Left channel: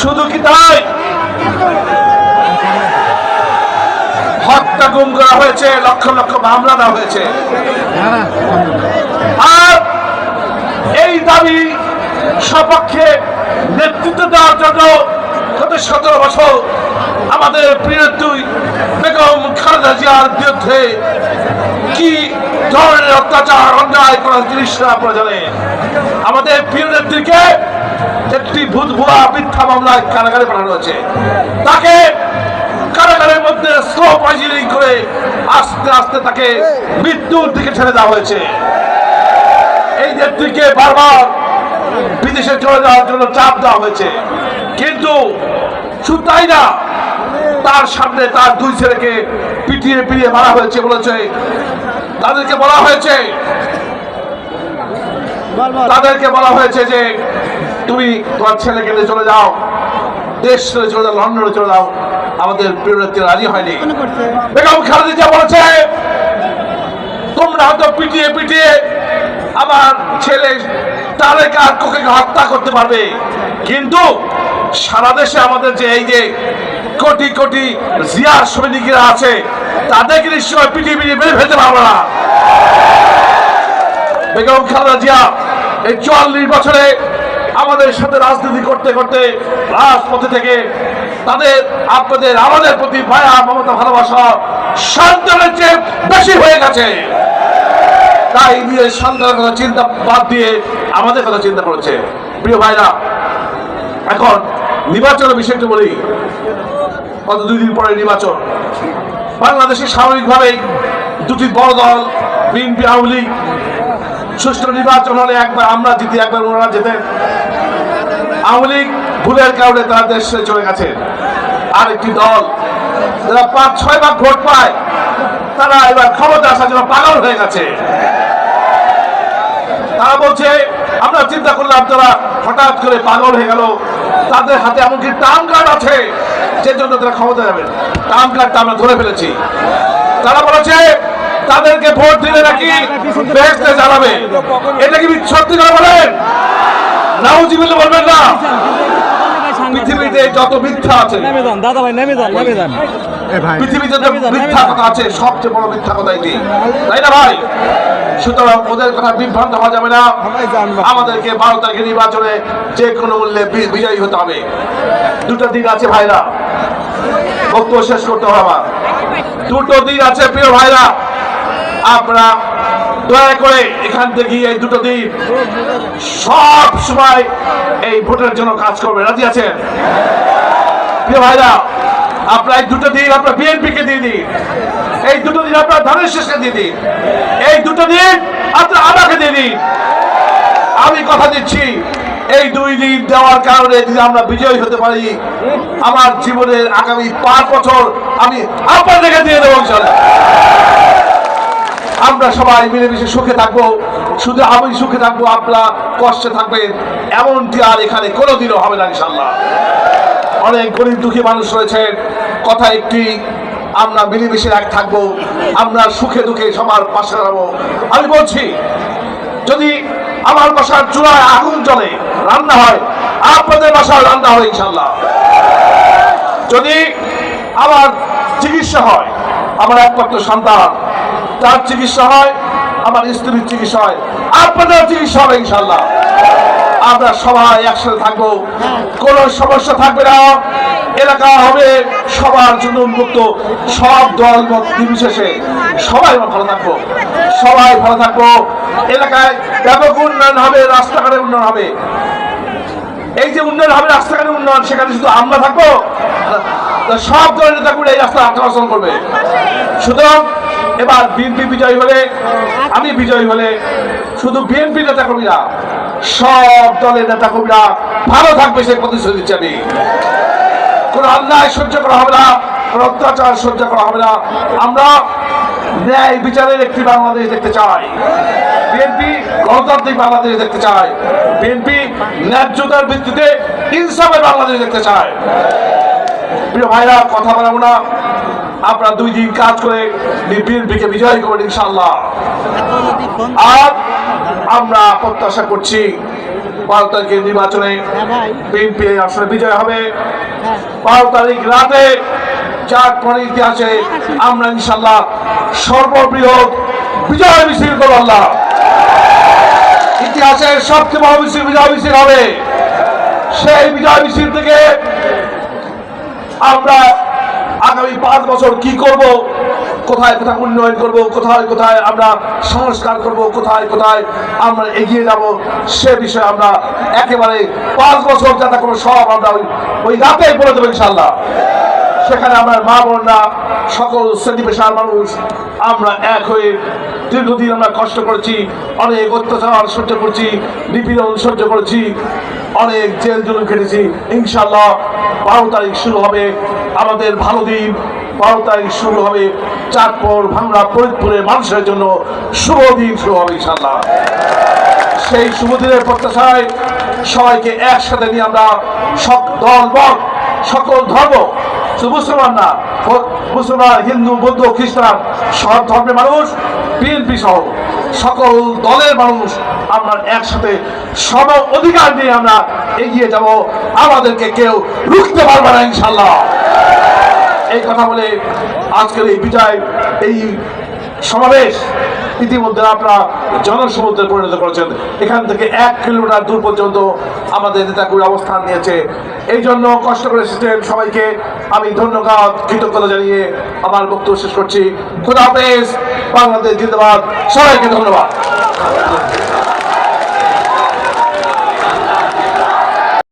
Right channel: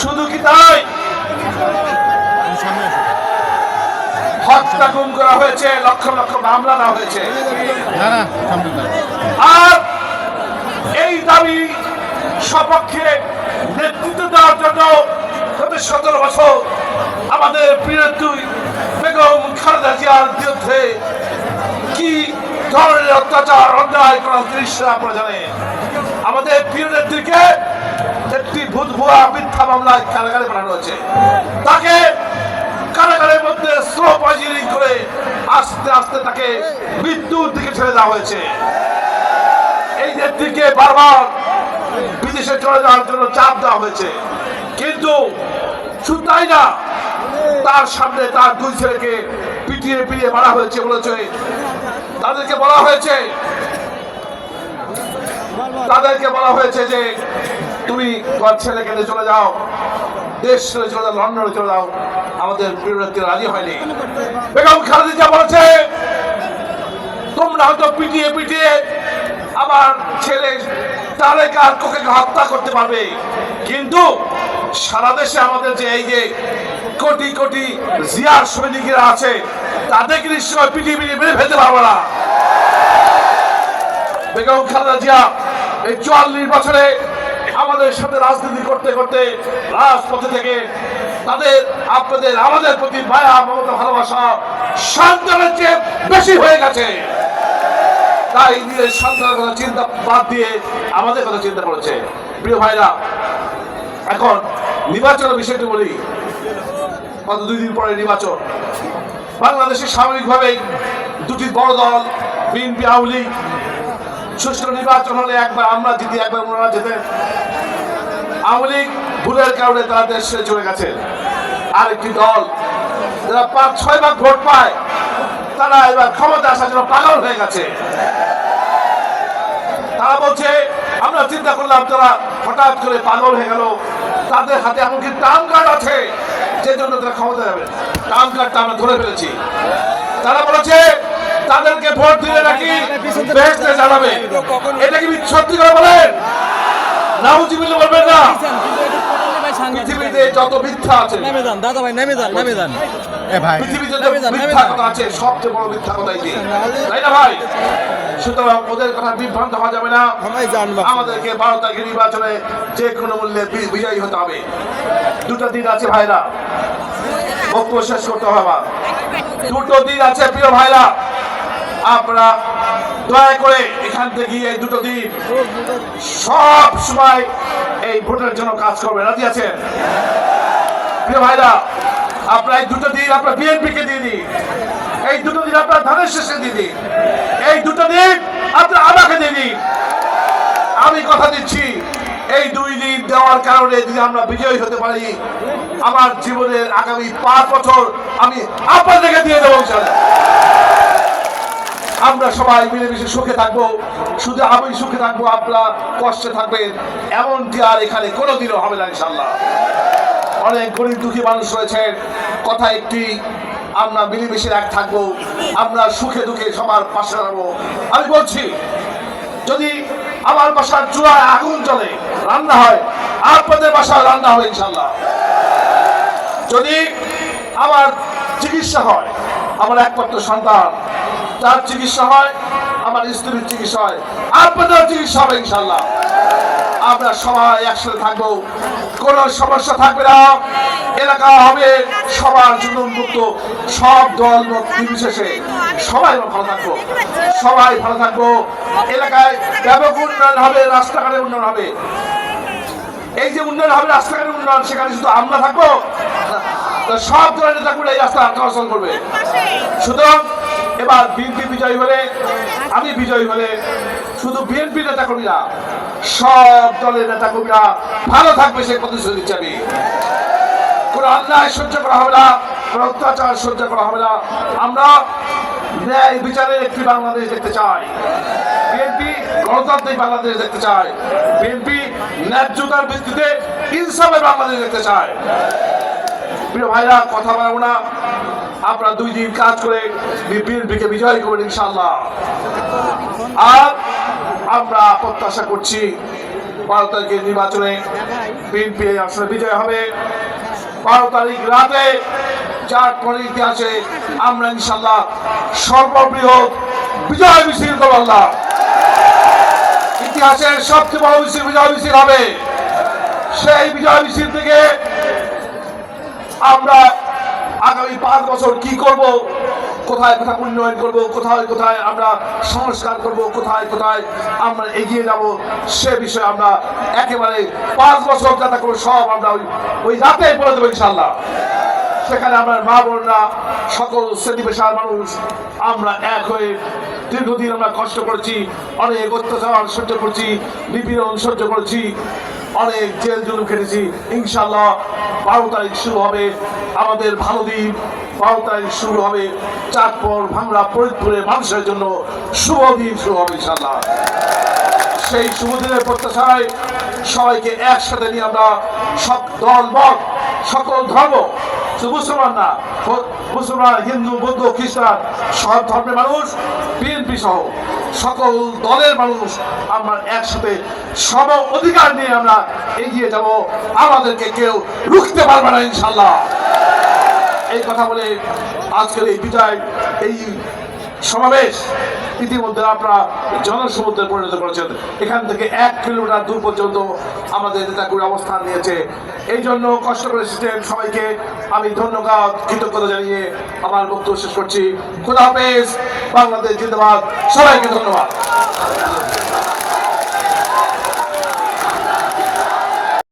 শুধু কি তাই, হত্যা গুম করা হয়েছে, লক্ষ লক্ষ মামলা দেওয়া হয়েছে। আর এই দাবি সপক্ষে নেতৃত্ব দেওয়ার জন্য গত 17 বছর আমাদের প্রিয় বেগম খালেদা জিয়ার বিরুদ্ধে কি ধরনের অত্যাচার অন্যায় করা জিনিসটা আপনারা জানেন। আমাদের প্রিয় নেত্রীকে একটি ভুয়া মিথ্যা মামলায় কারাগারে পাঠানো হয়েছে। তাকে কারাগারের মধ্যে স্লো পয়জনিং করে আস্তে আস্তে তাকে মৃত্যুর দিকে ঠেলে দেওয়া হয়েছে। এই নেত্রীকে বারবার বিদেশে চলে যাওয়ার জন্য চাপ দেওয়া হয়েছে, কিন্তু শুধু তাই না, তার সামনে তার 2 ছেলেকে পিটিয়ে পিটিয়ে মারা হয়েছে। বলেছে তাদেরকে বলা হয়েছে যে তুমি তোমার ছেলেকে নিয়ে চলে যাও, দেশ ছেড়ে চলে যাও, লন্ডনে চলে যাও। আমাদের প্রিয় নেত্রী রাজি হয়নি। বেগম খালেদা জিয়া বলেছে তোমরা হয়তো পিটিয়ে পিটিয়ে আমার ছেলে তারেক আর কোকে হত্যা করতে পারবে, কিন্তু সারা দেশে আমাদের যে এই যে কোটি কোটি জিয়া সৈনিকরা আছে তাদেরকে নিশ্চয় পিটিয়ে পিটিয়ে মেরে ফেলতে পারবো না। বেগম খালেদা জিয়া এই 44 বছরে আমাদের সাথে রাজনীতি করতে করতে রাজপথে থেকে আমাদের প্রতি মায়া মমতা ভালোবাসা সন্তানের চেয়ে বেশি হয়ে গেছে। তাই নিয়ে সন্তানের কথা চিন্তা বাদ দিয়ে আমাদের কথা চিন্তা করেছে। প্রিয় ভাইরা, এখন নির্বাচনের বিষয়টি বলি। গত 2 দিন পরে নির্বাচন। বাংলাদেশে স্বাভাবিকভাবে 2টি বড় দল বিএনপি আওয়ামী লীগ সুষ্ঠু নির্বাচন হলে একবার আমরা জিতি, একবার ওনারা জেতে। আওয়ামী লীগ ভুলের কারণে তারা দেশ ছেড়ে চলে গেছে। আরেকটি দল যারা 5-6 ভাগ ভোট পায় তারা এবার ক্ষমতা আসার জন্য পাগল হয়ে গেছে। তারা বলছে আমরা চিন্তা করলাম তারা হঠাৎ করে পাগল হয়ে গেল, তাদের হাতে এমনকি টার্ম কার্ড আছে, যে জন্য তারা ক্ষমতা যাবেন। টার্ম কার্ডটা আমরা ধরে ফেলেছি। তারা বলেছে তাদেরকে ভোট দিলে নাকি বেহেশতে জ্বালাবে। এটা কি সত্যি করে বলেন? নাউজুবিল্লাহ বলবেন না। পৃথিবীতে যত মিথ্যা আছে, পৃথিবীতে যত মিথ্যা কথা আছে, সবচেয়ে বড় মিথ্যা কথা এটি, তাই না ভাই? সুতরাং ওদের কথা বিভ্রান্ত হওয়া যাবে না। আমাদেরকে 12 তারিখে নির্বাচনে যে কোনো মূল্যে বিজয়ী হতে হবে। 2টা দিন আছে ভাইরা, বক্তব্য শেষ করতে হবে আমার। 2টো দিন আছে প্রিয় ভাইরা, আপনারা দয়া করে এখান থেকে এই 2টো দিন সব সময় এই ভোটের জন্য কাজ করবেন। রাজি আছেন প্রিয় ভাইরা? আপনারা এই 2টো দিন আপনার বিএনপিকে দিয়ে দিন, এই 2টো দিন আপনার ধানের শেষকে দিয়ে দিন, এই 2টো দিন আপনার আমাকে দিয়ে দিন। আমি কথা দিচ্ছি, এই 2 দিন দেওয়ার কারণে যদি আমরা বিজয়ী হতে পারি, আমার জীবনের আগামী 5 বছর আমি আপনাদেরকে দিয়ে দেবো ইনশাআল্লাহ। আমরা সবাই মিলেমিশে সুখে থাকবো। শুধু আমি সুখে থাকবো, আপনারা কষ্টে থাকবেন, এমনটি আর এখানে কোনোদিনও হবে না ইনশাআল্লাহ। অনেক গরিব দুঃখী মানুষ রয়েছেন, কথা একটি, আমরা মিলেমিশে এক থাকবো, আমরা সুখে দুঃখে সবার পাশে দাঁড়াবো। আমি বলছি, যদি আমার বাসার চুলায় আগুন জ্বলে রান্না হয়, আপনাদের বাসায় রান্না হবে ইনশাআল্লাহ। যদি আমার চিকিৎসা হয়, আমার একমাত্র সন্তান তার চিকিৎসা হয়, আমার স্ত্রীর চিকিৎসা হয়, আপনাদের চিকিৎসা হবে ইনশাআল্লাহ। আমরা সবাই একসাথে থাকবো, কোনো সমস্যা থাকবে না। এলাকা হবে সবার জন্য উন্মুক্ত, সব দল মত নির্বিশেষে সবাই ভালো থাকবো, সবাই ভালো থাকবো। এলাকায় ব্যাপক উন্নয়ন হবে, রাস্তাঘাটের উন্নয়ন হবে। এই যে উন্নয়ন হবে, রাস্তাঘাটের উন্নয়ন, সেখানে শুধু আমরা থাকবো, সব দলের নেতাগুলো এই রাস্তা অগ্রসর করবে। সুতরাং এবার বিএনপি বিজয়ী হলে, আমি বিজয়ী হলে, শুধু বিএনপি নেতা কর্মীরা, সব দলের নেতা কর্মীরা ভালো থাকবে, সে প্রতিশ্রুতি দিচ্ছি আমি। কোন অন্যায় সহ্য করা হবে না, কোন অত্যাচার সহ্য করা হবে না। আমরা ন্যায় বিচারের একটি বাংলাদেশ দেখতে চাই। বিএনপি গণতান্ত্রিক বাংলাদেশ দেখতে চায়। বিএনপি ন্যায্যতার ভিত্তিতে ইনসাফের বাংলাদেশ দেখতে চায়। প্রিয় ভাইরা, কথা বলবো না, আপনারা 2 দিন কাজ করে বিএনপিকে বিজয় করবেন ইনশাআল্লাহ। আর আমরা প্রত্যাশা করছি 12 তারিখের নির্বাচনে বিএনপি আসলে বিজয় হবে। 12 তারিখ রাতে চাঁদপুরের ইতিহাসে আমরা ইনশাআল্লাহ সর্ববৃহৎ বিজয় মিছিল করব। আল্লাহ ইতিহাসের সবচেয়ে বড় মিছিল বিজয় মিছিল হবে। সেই বিজয় মিছিল থেকে আমরা আগামী 5 বছর কি করব, কোথায় কোথায় উন্নয়ন করব, কোথায় কোথায় আমরা সংস্কার করব, কোথায় কোথায় আমরা এগিয়ে যাব, সে বিষয়ে আমরা একেবারে 5 বছর যাতে কোনো সব আমরা ওই রাতেই বলে দেবো ইনশাআল্লাহ। সেখানে আমরা মা বোনরা সকল শ্রেণী পেশার মানুষ আমরা এক হয়ে দীর্ঘদিন আমরা কষ্ট করেছি, অনেক অত্যাচার সহ্য করছি, নিপীড়ন সহ্য করেছি, অনেক জেল জুলুম খেটেছি। ইনশাআল্লাহ 12 তারিখ শুরু হবে আমাদের ভালো দিন। 12 তারিখ শুরু হবে চাঁদপুর ভাঙড়া ফরিদপুরের মানুষের জন্য শুভ দিন শুরু হবে ইনশাআল্লাহ। সেই শুভ দিনের প্রত্যাশায় সবাইকে একসাথে নিয়ে আমরা সব দল মত সকল ধর্ম, শুধু মুসলমান না, মুসলমান হিন্দু বৌদ্ধ খ্রিস্টান সব ধর্মের মানুষ, বিএনপি সহ সকল দলের মানুষ আমরা একসাথে সব অধিকার নিয়ে আমরা এগিয়ে যাব। আমাদেরকে কেউ রুখতে পারবে না ইনশাআল্লাহ। এই কথা বলে আজকের এই বিজয় এই সমাবেশ ইতিমধ্যে আপনারা জনসমুদ্রে পরিণত করেছেন। এখান থেকে 1 কিলোমিটার দূর পর্যন্ত আমাদের নেতাগুলো অবস্থান নিয়েছে। এই জন্য কষ্ট করে এসেছেন সবাইকে আমি ধন্যবাদ কৃতজ্ঞতা জানিয়ে আমার বক্তব্য শেষ করছি। খোদা হাফেজ, বাংলাদেশ জিন্দাবাদ, সবাইকে ধন্যবাদ।